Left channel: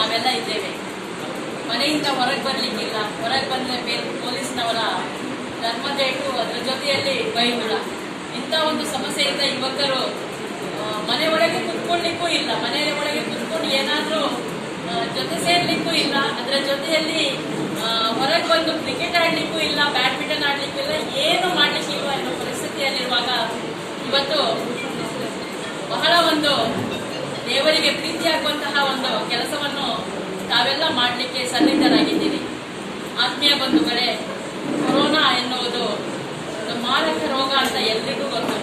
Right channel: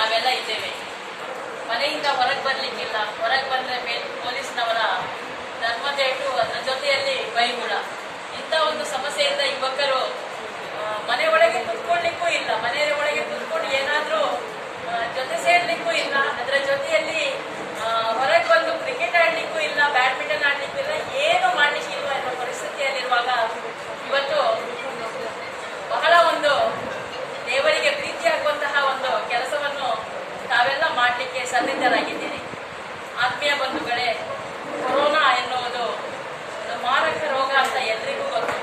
ನಾವೆಲ್ಲ ಇದ್ದೇವೆ. ಮನೆಯಿಂದ ಹೊರಗೆ ಬರಲಿಕ್ಕಿಲ್ಲ, ಹೊರಗೆ ಬಂದರೆ ಪೊಲೀಸ್ನವರ ಧರ್ಮದೇಟು, ಅದರ ಜೊತೆಯಲ್ಲಿ ಬೈಗುಳ. ಇಂಥ ಒಂದು ಸಮಸ್ಯೆಯಿಂದ ಯುವಕರು ಮನೆ ಒಳಗೆ ಕುತ್ಕೊಳ್ಳಿಕ್ಕೂ ಇಲ್ಲ, ಮನೆ ಒಳಗೆ ಕುತ್ಕೊಂಡು ಏನಾದರೂ ಜೊತೆ ಸೇರ್ಲಿಕ್ಕೂ ಇಲ್ಲ, ಅದರ ಜೊತೆಯಲ್ಲಿ ಹೊರಗೆ ಬಂದು ಕ್ರಿಕೆಟ್ ಆಡ್ಲಿಕ್ಕೂ ಇಲ್ಲ, ಬ್ಯಾಡ್ಮಿಂಟನ್ ಆಡ್ಲಿಕ್ಕೂ ಇಲ್ಲ, ಏನು ಮಾಡ್ಲಿಕ್ಕಿಲ್ವ ಎನ್ನುವ ಪರಿಸ್ಥಿತಿಯಲ್ಲಿರುವಾಗ ಇವತ್ತು ಬಹಳ ಒಂದು ದೇವರಿಗೆ ಪ್ರೀತಿಯಾಗುವಂತಹ ಒಂದು ಕೆಲಸವನ್ನು ತಾವೆಲ್ಲ ಮಾಡಲಿಕ್ಕೆ ಸನ್ನಿಧರಾಗಿದ್ದೀರಿ. ಆತ್ಮೀಯ ಬಂಧುಗಳೇ, ಕೊರೋನಾ ಎನ್ನುವುದು ಒಂದು ಮಾರಕ ರೋಗ ಅಂತ ಎಲ್ರಿಗೂ ಗೊತ್ತು.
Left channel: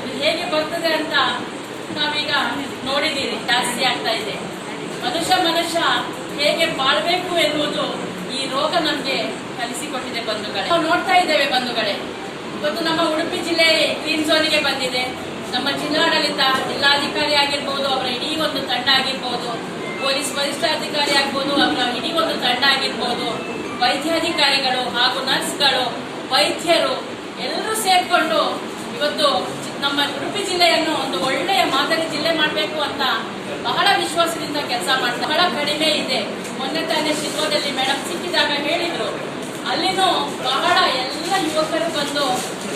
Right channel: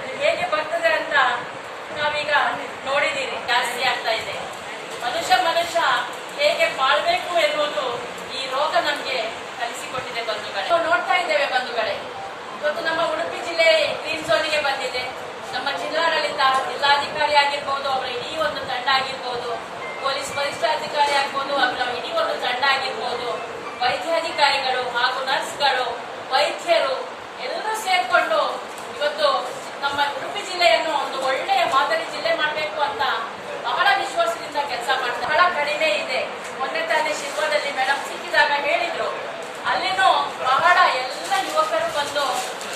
ಇದು ಹೇಗೆ ಬರ್ತದೆ ಅಂತ ನಾವೀಗ ನೋಡಿದ್ದೀರಿ, ಜಾಸ್ತಿ ಆಗ್ತಾ ಇದೆ. ಮನುಷ್ಯ ಹೇಗೆ ಬಾಳ್ಬೇಕು ಎನ್ನುವುದು ಈ ರೋಗ ನಮಗೆ ಕಲಿಸಿಕೊಟ್ಟಿದೆ ಬಂಧುಗಳೇ. ನಾವು ನೋಡ್ತಾ ಇದ್ದೇವೆ ಬಂಧುಗಳೇ, ಇವತ್ತು ನಮ್ಮ ಉಡುಪಿ ಜಿಲ್ಲೆ ಗ್ರೀನ್ ಝೋನಿಗೆ ಬಂದಿದೆ. ನಮ್ಮ ಜಿಲ್ಲಾಡಳಿತ, ಜಿಲ್ಲಾಧಿಕಾರಿ ಆಗಿರ್ಬೋದು, ಅವರ ಇಡೀ ಒಂದು ತಂಡ ಆಗಿರ್ಬೋದು, ಪೊಲೀಸ್ ವರಿಷ್ಠಾಧಿಕಾರಿ ಆಗ್ಬೋದು, ಅವರ ಇಡೀ ಒಂದು ತಂಡ ಆಗಿರ್ಬೋದು, ವೈದ್ಯಾಧಿಕಾರಿಗಳು ಹಾಗೂ ನರ್ಸ್ಗಳು, ವೈದ್ಯರು ಎಲ್ಲರೂ ಸೇರ್ಕೊಂಡು ಇವತ್ತು ನಮ್ಮ ಉಡುಪಿ ಜಿಲ್ಲೆಯನ್ನು ಒಂದು ಒಳ್ಳೆಯ ಮಾದರಿ ಜಿಲ್ಲೆ ಮಾಡಬೇಕು ಅಂತ ಬಹಳ ವಿಶ್ವಾಸದಿಂದ ಕೆಲಸ ಮಾಡ್ತಾರೆ. ಬಹಳ ಕಡಿಮೆ ಇದೆ. ಮೊನ್ನೆ ತಾನೇ ಶಿಲ್ವದಲ್ಲಿ ಮೇಡಮ್ ಸಿಕ್ಕಿದಾಗ ಹೇಳಿದ್ರು, ಅಲ್ಲಿನೂ ಬಹಳ ಎಲ್ಲ ಯುವಕರು ಬಂದು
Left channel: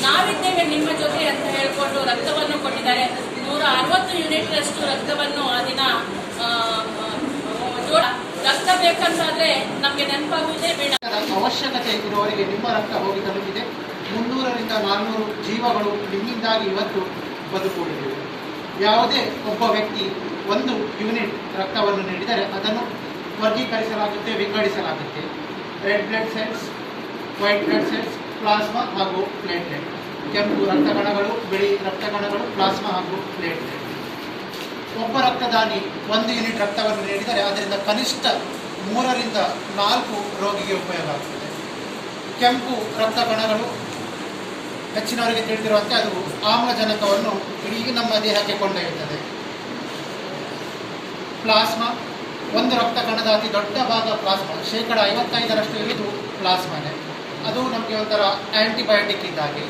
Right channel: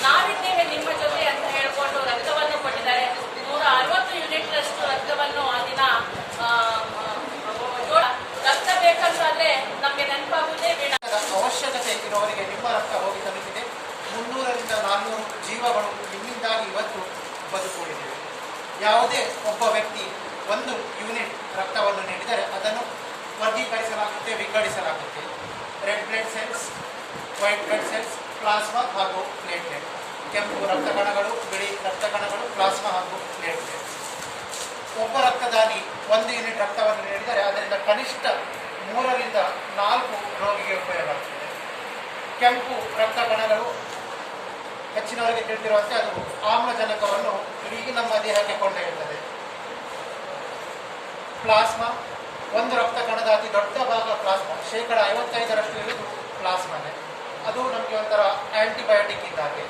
ನಾವಿದ್ದೇವೆ ನಿಮ್ಮ ಜೊತೆ ಅಂತ ಹೇಳಿಕೊಂಡು ರಕ್ತವನ್ನು ಕೊಟ್ಟಿದ್ದಾರೆ. 160 ಯೂನಿಟ್ರಷ್ಟು ರಕ್ತವನ್ನು ಆ ದಿನ ರಕ್ತ ಬೇಕಂತಾದ್ರೆ ನಮಗೆ ನೆನಪಾಗುವುದೇ ಬೇಡ. ಅವಶ್ಯಕತೆ ಇರುವವರಿಗೆ ನಿಮ್ಮ ರಕ್ತ ಹೋಗಿ ತಲುಪಿದೆ. 300ರಿಂದ 400 ಜೀವಗಳು ನಿಮ್ಮಿಂದಾಗಿ ಇವತ್ತು ಬದುಕುಳಿದಿವೆ. ಯಾವುದೇ ಒಬ್ಬ ವ್ಯಕ್ತಿ 1 ಯೂನಿಟ್ ರಕ್ತವನ್ನು ನೀಡಿದರೆ ಅದನ್ನು ವರ್ಗೀಕರಿಸಲಾಗುತ್ತೆ, ವಿಂಗಡಿಸಲಾಗುತ್ತೆ. Red blood cells, white blood cells, plasma ಹಾಗೂ ಪ್ಲೇಟ್ಲೆಟ್. ಕೆಂಪು ರಕ್ತ ಕಣಗಳು, ಬಿಳಿ ರಕ್ತ ಕಣಗಳು, ಪ್ಲಾಸ್ಮಾ ಹಾಗೂ ಪ್ಲೇಟ್ಲೆಟ್. ಒಬ್ಬ ರಕ್ತದಾನಿ 1 ಯೂನಿಟ್ ರಕ್ತವನ್ನು ನೀಡಿದರೆ ಅದರಿಂದ ಕನಿಷ್ಠ 3ರಿಂದ 4 ರೋಗಿಗೆ ಉಪಯೋಗ ಆಗ್ತದೆ. ಕೆಂಪು ರಕ್ತ ಕಣಗಳು ಹೆಚ್ಚಿನವರಿಗೆ ತಿಳಿದಿರುವಂತೆ ಅದು ಆಮ್ಲಜನಕವನ್ನು ಇಡೀ ನಮ್ಮ ದೇಹಕ್ಕೆ ಕೊಂಡೊಯ್ಯುತ್ತದೆ. ಪ್ಲಾಸ್ಮಾ, ಒಂದು ರಕ್ತ ಕಣದ ಅತಿ ದೊಡ್ಡ ಭಾಗ ಪ್ಲಾಸ್ಮಾ, 55% ಇರುವುದು ಪ್ಲಾಸ್ಮಾನೇ. ಅದು ನಮಗೆ ಒಂಥರ ಆ್ಯಂಟಿಬಯೋಟಿಕ್ ಇದ್ದಾಗೆ.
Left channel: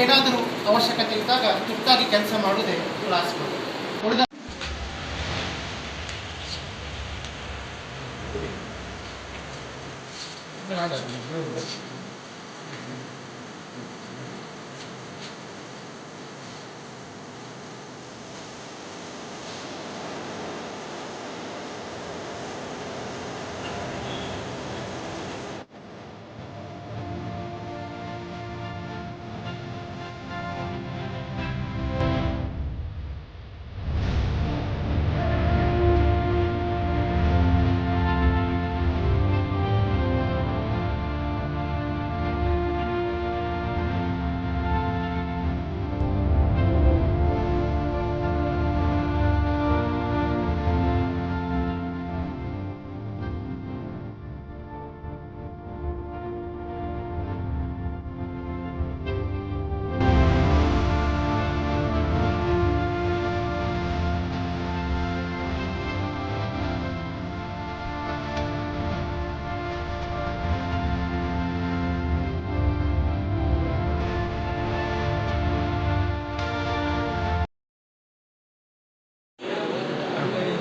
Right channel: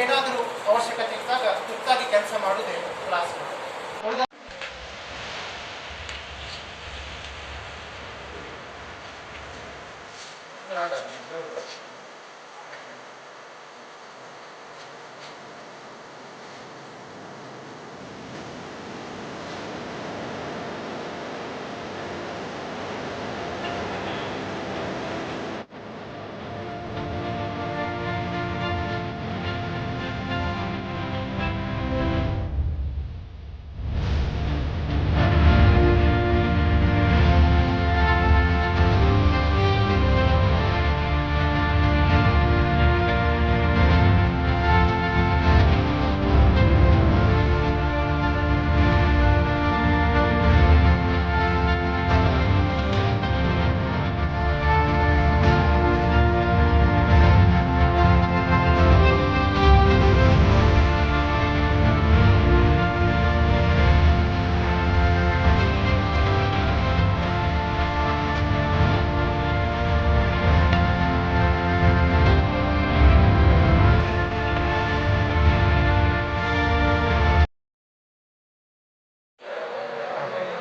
ಏನಾದರೂ ಅವಶ್ಯಕತೆ ಇದ್ದಾಗ ತುರ್ತಾಗಿ ಕೆಲಸ ಮಾಡುವುದೇ ಪ್ಲಾಸ್ಮಾ. ಉಳಿದ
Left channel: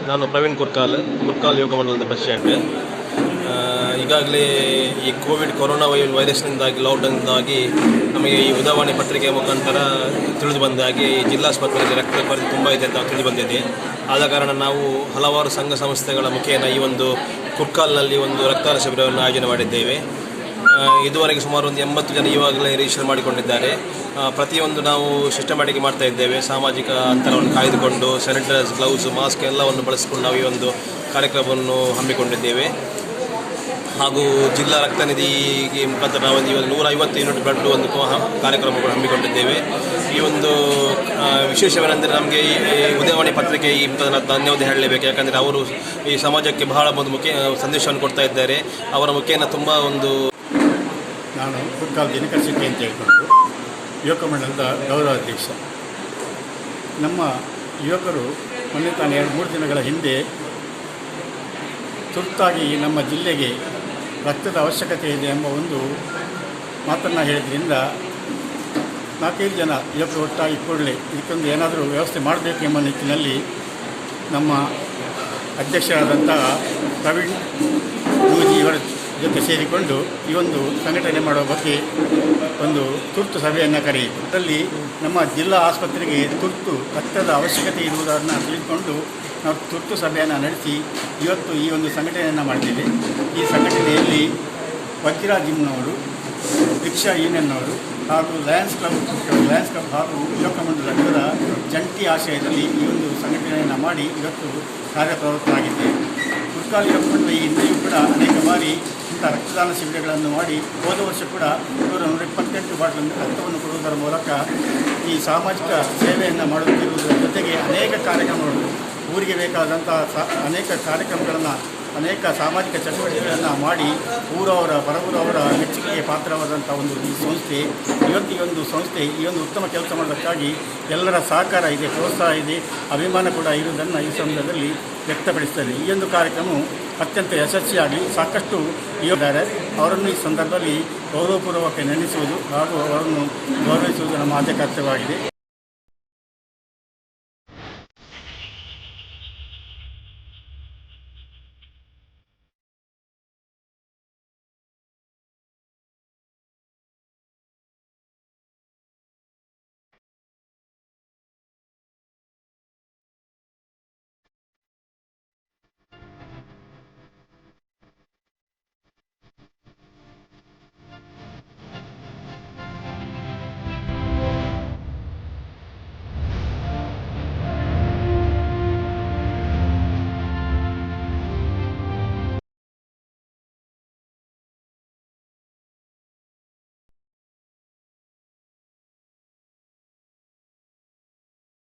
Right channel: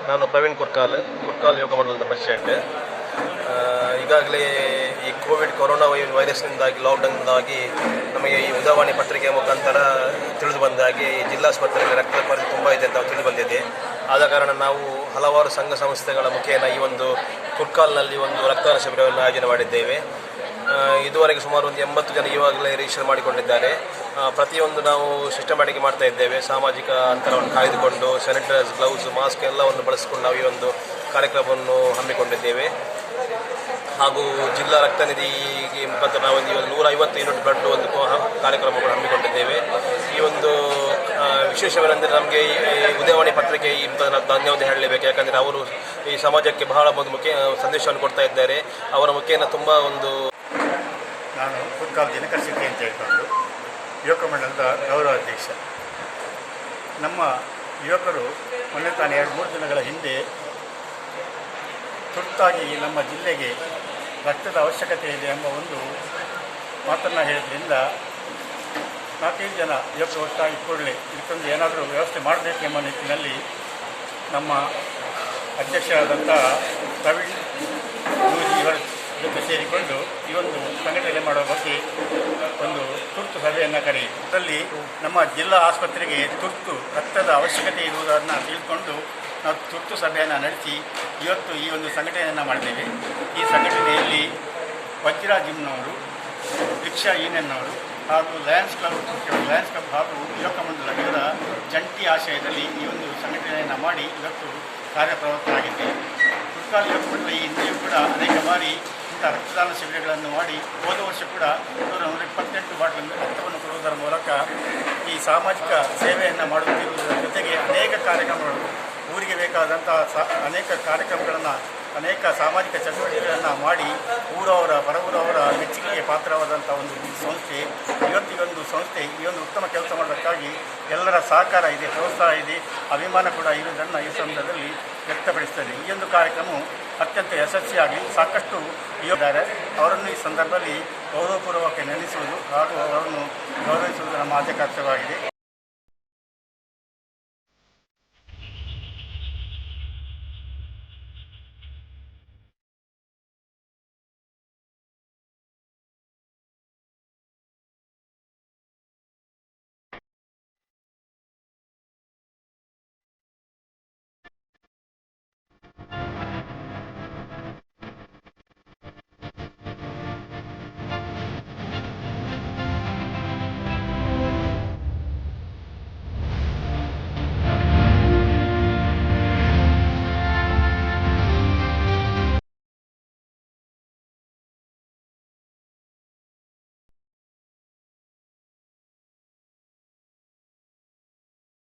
ನಾನು ಪ್ರವೀಣ್ ಕುರ್ಕಾಲ್ ಯೋಗ ಮಂಡಲದ ಪ್ರೆಸಿಡೆಂಟ್. ಈಗಾಗಲೇ ಈ ಕೊರೋನಾ ವೈರಸ್ನಿಂದಾಗಿ, ಲಾಕ್ಡೌನ್ನಿಂದಾಗಿ ನಮಗೆ ಈ ಉದಯವಾಣಿ ಪತ್ರಿಕೆಯ ಮುಖಾಂತರ ತಿಳಿದು ಬಂದಾಗೆ ಈ ಜಿಲ್ಲಾಸ್ಪತ್ರೆಯಲ್ಲಿ ರಕ್ತ ಕೊರತೆ ತುಂಬ ಇದೆ ಅಂತ ತಿಳಿದು ಬಂದಿದೆ. ಆದ ಕಾರಣ ನಾವು ಹಲವಾರು ಸಂಘ ಸಂಸ್ಥೆಗಳ ಮುಖೇನ ಈ ಒಂದು ಕುರ್ಕಾಲ್ನಲ್ಲಿ ಒಂದು ರಕ್ತದಾನ ಶಿಬಿರವನ್ನು ಆಯೋಜನೆ ಮಾಡಿದ್ದೇವೆ. ಇದುವರೆಗೆ ಸುಮಾರು ಒಂದು 80 ಜನ ಈವಾಗಲೇ ರಿಜಿಸ್ಟರ್ ಮಾಡಿಕೊಂಡಿದ್ದಾರೆ. ಪ್ರತಿಯೊಂದು ನಾವು ಸಿಸ್ಟಮ್ಯಾಟಿಕ್ ಮಾಡ್ತಾ ಇದ್ದೇವೆ. ಸಾಮಾಜಿಕ ಅಂತರವನ್ನು ಕಾಯ್ದುಕೊಂಡು ಸ್ಯಾನಿಟೈಸರ್, ಗ್ಲೌಸ್, ಮಾಸ್ಕ್ ಎಲ್ಲವನ್ನು ಬಳಸಿಕೊಂಡು ನಾವು ಈ ಒಂದು ಕಾರ್ಯಕ್ರಮವನ್ನು ಹಮ್ಮಿಕೊಂಡಿದ್ದೇವೆ. ಹಾಗೂ ಜಿಲ್ಲಾ ರಕ್ತನಿಧಿಗೆ ಮುಖಾಂತರ ನಾವು ಒಂದು 150 ಯೂನಿಟ್ ಬ್ಲಡ್ ಒಂದು ಕಾರ್ಯಕ್ರಮವನ್ನು ಹಮ್ಮಿಕೊಂಡಿದ್ದೇವೆ. ಈ ಒಂದು ವಿಶೇಷವೇನೆಂದರೆ ನಮಗೆ ಈ ಉದಯವಾಣಿ ಪತ್ರಿಕೆ ಈ ಧನ್ಯವಾದ ಹೇಳಲೇಬೇಕು. ಯಾಕಂದರೆ ಅವರು ಈ ಸಮಾಜಕ್ಕೆ ಬಹಳ ಒಂದು ಮುಖ್ಯ ಸಂದೇಶವನ್ನು ಕೊಡ್ತಾ ಇದ್ದಾರೆ. ಅವರ ಮುಖೇನ ತುಂಬ ಒಂದು ನಾನು ಕುರ್ಕಾಲ್ ದಿನಕರ್ ಶೆಟ್ಟಿ ಅಂತ ಹೇಳ್ಕೊಂಡು ಯುವಕ ಮಂಡಲದ ಗೌರವಾಧ್ಯಕ್ಷ. ನಮ್ಮ ಯುವಕರು ಮೊನ್ನೆ ತಾನು 2-3 ದಿನಗಳ ಹಿಂದೆ ತುರ್ತಾಗಿ ನಮ್ಮ ಜಿಲ್ಲೆಗೆ ರಕ್ತದ ಅವಶ್ಯಕತೆ ಇದೆ ಎಂಬ ಒಂದು ಮಾತನ್ನು ಹೇಳಿದ್ರಿಂದ 4-5 ಜನ ಯುವಕರು ಒಟ್ಟಾಗಿ ಕೂಡಲೇ ಇದಕ್ಕೊಂದು ಏನಾದರೂ ವ್ಯವಸ್ಥೆ ಮಾಡಬೇಕು ಎಂಬ ನಿಟ್ಟಿನಲ್ಲಿ ನಮ್ಮ ಅಧ್ಯಕ್ಷರಾದಂಥ ಪ್ರವೀಣ್ ಯೂಜಿ ಇವರ ಜೊತೆ ಸೇರಿಕೊಂಡು ಈ ಒಂದು ಸಂಘಟನೆ ಮಾಡುವ ಬಗ್ಗೆ ಒಂದು ತುರ್ತು ಸಭೆಯನ್ನು ಕರೆಯಿತು. ಅದರಲ್ಲಿ ನಮ್ಮ ಜಿಲ್ಲಾ ಆಸ್ಪತ್ರೆಗೆ ತುರ್ತು ರಕ್ತದ ಅವಶ್ಯಕತೆ ಇರುವುದನ್ನು ತಿಳಿದುಕೊಂಡು ನಾವು ತುರ್ತು ಸಭೆಯನ್ನು ನಡೆಸಿ ಇವತ್ತು ಈ ಒಂದು ಸಂಘಟನೆಯನ್ನು ಮಾಡಿದ್ದೇವೆ. ಈ ಸಂಘಟನೆಯಲ್ಲಿ ವಜ್ರ ಜಿಮ್ನವರು, ರಿಕ್ಷಾ ಯೂನಿಯನ್ನವರು ಹಾಗೂ ಲಯನ್ಸ್ ಕ್ಲಬ್ ಹಾಗೂ ಯುವಕ ಮಂಡಲ ಇವರ ಜಂಟಿ ಆಶಯದಲ್ಲಿ ಈ ಒಂದು ಸಂಘಟನೆಯನ್ನು ಮಾಡಿ ಇವತ್ತು ಕಾರ್ಯಪ್ರವೃತ್ತರಾಗಿದ್ದೇವೆ. ಕುರ್ಕಾಲ್ ಯುವಕ ಮಂಡಲ ಈ ಹಿಂದೆಯೂ ಕೂಡ ಅನೇಕ ಬಾರಿ ಇಂಥ ರಕ್ತದಾನ ಶಿಬಿರಗಳನ್ನು ಮಾಡಿ ಹೋದ ವರ್ಷ ಕೂಡ 128 ಬಾಟ್ಲ್ ರಕ್ತವನ್ನು ಕೊಡುವುದರ ಮೂಲಕ ಈ ಸಾಮಾಜಿಕ ಸೇವೆಯನ್ನು ಮಾಡುತ್ತಿರುವುದರ ಜೊತೆಗೆ ಅನೇಕ ಕಾರ್ಯಕ್ರಮಗಳು ಊರಿಗೆ ಬೇಕಾದಂಥ ಅನೇಕ ಕಾರ್ಯಕ್ರಮಗಳನ್ನು ಅನೇಕ ಸಾಮಾಜಿಕ ಚಟುವಟಿಕೆಗಳನ್ನು ಮಾಡಿ ಊರವರ ಹೊರಗೂರವರ ಮೆಚ್ಚುಗೆಗೆ ಪಾತ್ರವಾದಂಥ ಒಂದು ಈ ಸಂಸ್ಥೆ ಇವತ್ತು ಈ ಒಂದು ಸಂಸ್ಥೆ ಈ ಒಂದು ಉತ್ತಮ ಕೆಲಸ ಮಾಡೋದಕ್ಕಾಗಿ ಎಲ್ಲರ ಸಹಕಾರ ಇದೆ, ಪ್ರೋತ್ಸಾಹ ಇದೆ, ಅಭಿಮಾನ ಕೂಡ ಇರುವುದನ್ನು ಈ ಸಂದರ್ಭದಲ್ಲಿ ವ್ಯಕ್ತಪಡಿಸ್ತದೆ. ಈ ಒಂದು ಕಾರ್ಯಕ್ರಮವು ಅತ್ಯಂತ ಯಶಸ್ವಿಯಾಗಿ ಸಾಕಷ್ಟು ಇದ್ದಾರೆ. ಅವರನ್ನು ಈ ಸಂದರ್ಭದಲ್ಲಿ ಗೌರವಪೂರ್ವಕ ನೆನೆಸುವುದು ಹಾಗೂ ಅವರನ್ನು ಗೌರವಿಸುವುದು ನಮ್ಮ ಆದ್ಯ ಕರ್ತವ್ಯವಾಗಿದೆ.